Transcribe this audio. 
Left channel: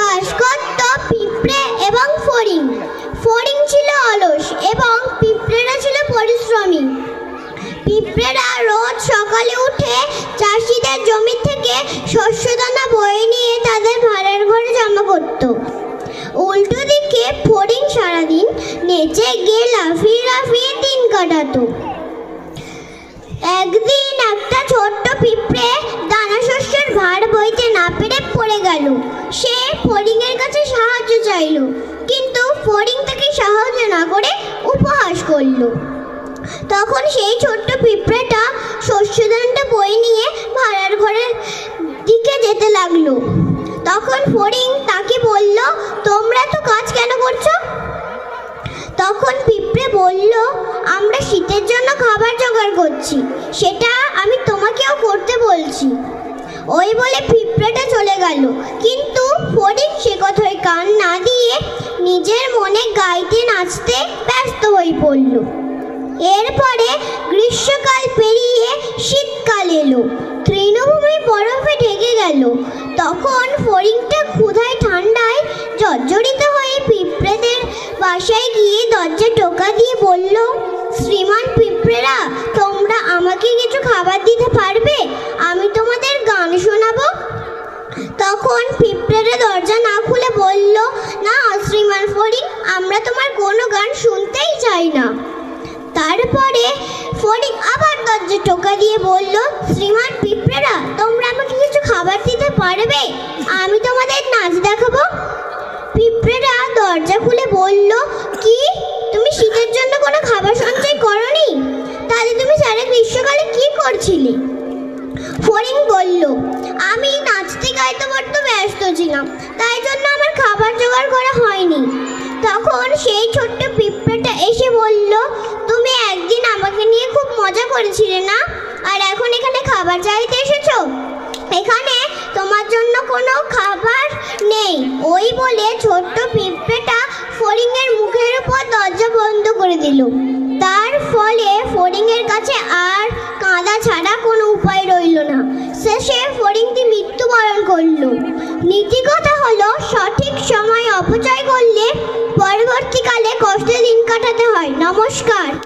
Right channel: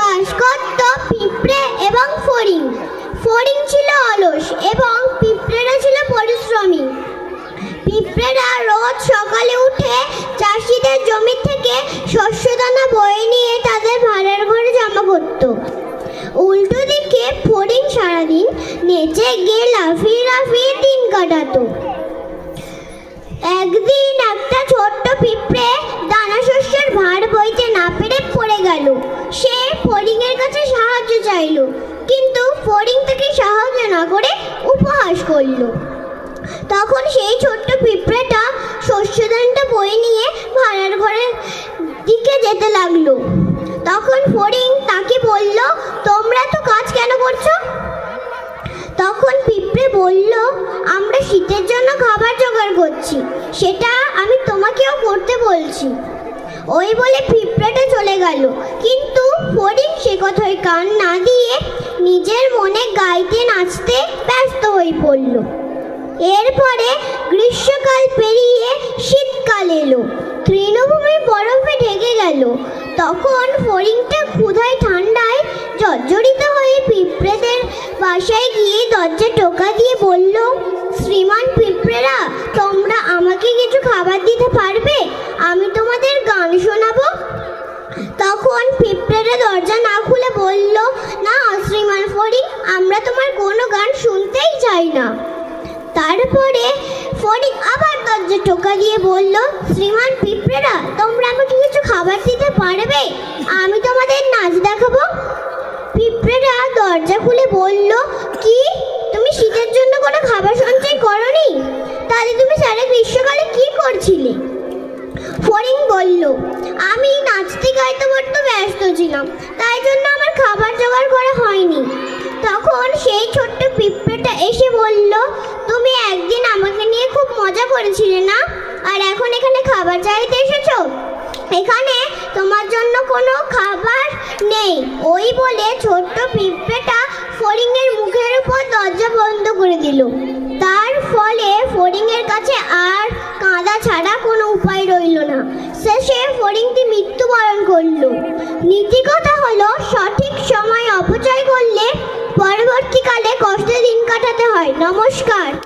বাস করত পিঁপড়ে এবং ফড়িং। ফড়িং ছিল অলস এবং পিঁপড়েরা ছিল পরিশ্রমী। পিঁপড়েরা রোজ সকালে উঠে চাষিদের জমি থেকে শস্যদানা বয়ে নিয়ে তাদের ভাড়ার ঘরে জমা করত। উল্টো দিকে ফড়িং সারাদিন নেচে গিয়ে লাফিয়ে লাফিয়ে দিন কাটাতো। একদিন একটা ছোট্ট পিঁপড়ে দানা শস্যের ভার বইতে না পেরে পড়ে গেল। সে ফড়িং এর কাছে সাহায্য চাইল, কিন্তু ফড়িং তাকে সাহায্য না করে উপহাস করল। তখন সেই ছোট্ট পিঁপড়েটা শস্যদানটা বয়ে নিয়ে ভাড়ার ঘরের দিকে যেতে লাগলো। তখন ফড়িং তাকে বলল, তোমরা তো কাজ কেন করছো? তখন পিঁপড়ে বলল, আমরা শীতের জন্য খাবার জোগাড় করছি, সেটা আমি তোমাকেও করতে বলছি। ওই বলে পিঁপড়েটা চলে গেল, কিন্তু ফড়িং সে কথায় কান না দিয়ে নিজের মনে গাইতে নাচতে ব্যস্ত হয়ে পড়ল। এরপরে গ্রীষ্মকাল পেরিয়ে শীতকাল এলো। তৃণভূমি বরফে ঢেকে গেল। তখন ফড়িংটা ক্ষুধায় ঠান্ডায় জর্জরিত হয়ে পিঁপড়েদের বাসায় গিয়ে দরজা টোকা দিয়ে বলল, শ্রীমান পিঁপড়েরা, তোমরা আমাকে কিছু খাবার দিতে পারবে? আমি তোমাদের গান শোনাবো। তখন পিঁপড়েরা দরজা না খুলে বলল, না শ্রীমান ফড়িং, আমরা তোমার কোনো গান শুনতেই চাই না। তারপরে ফড়িং আবার দরজা টোকা দিয়ে বলল, শ্রীমান পিঁপড়েরা, তোমরা আমাকে কিছু খাবার দিতে পারবে? আমি তোমাদের নাচ দেখাবো। পিঁপড়েরা দরজা খুলে বলল, কি তুমি শীতের জন্য কোনো খাবার সঞ্চয় করনি? তাহলে তুমি সারা গ্রীষ্মকালে কি করছিলে? ফড়িং বলল, আমি নাচতে গাইতে বড্ড ব্যস্ত ছিলাম, তাই জন্য আমার খাবার জোগাড় করা হয়নি। তখন সেই ছোট্ট পিঁপড়েটা এসে বলল, তুমি একদিন আমাকে নিয়ে খুব মজা করেছিলে না, আর এখন এখানে খাবার চাইতে এসেছো? এখানে তোমার জন্য কোনো খাবার নেই। ওই বলে ছোট্ট পিঁপড়েটা ফড়িং এর মুখের উপর দরজা বন্ধ করে দিল। তার ফলে ফড়িং এর কাছে আর কাঁদা ছাড়া কোনো উপায় রইল না। শেষে ফড়িংটি মৃত্যুবরণ করলো। নীতি কথা হলো, সঠিক সময় অপচয় করলে পরবর্তীকালে কষ্টে দিন কাটাতে হয়। নমস্কার।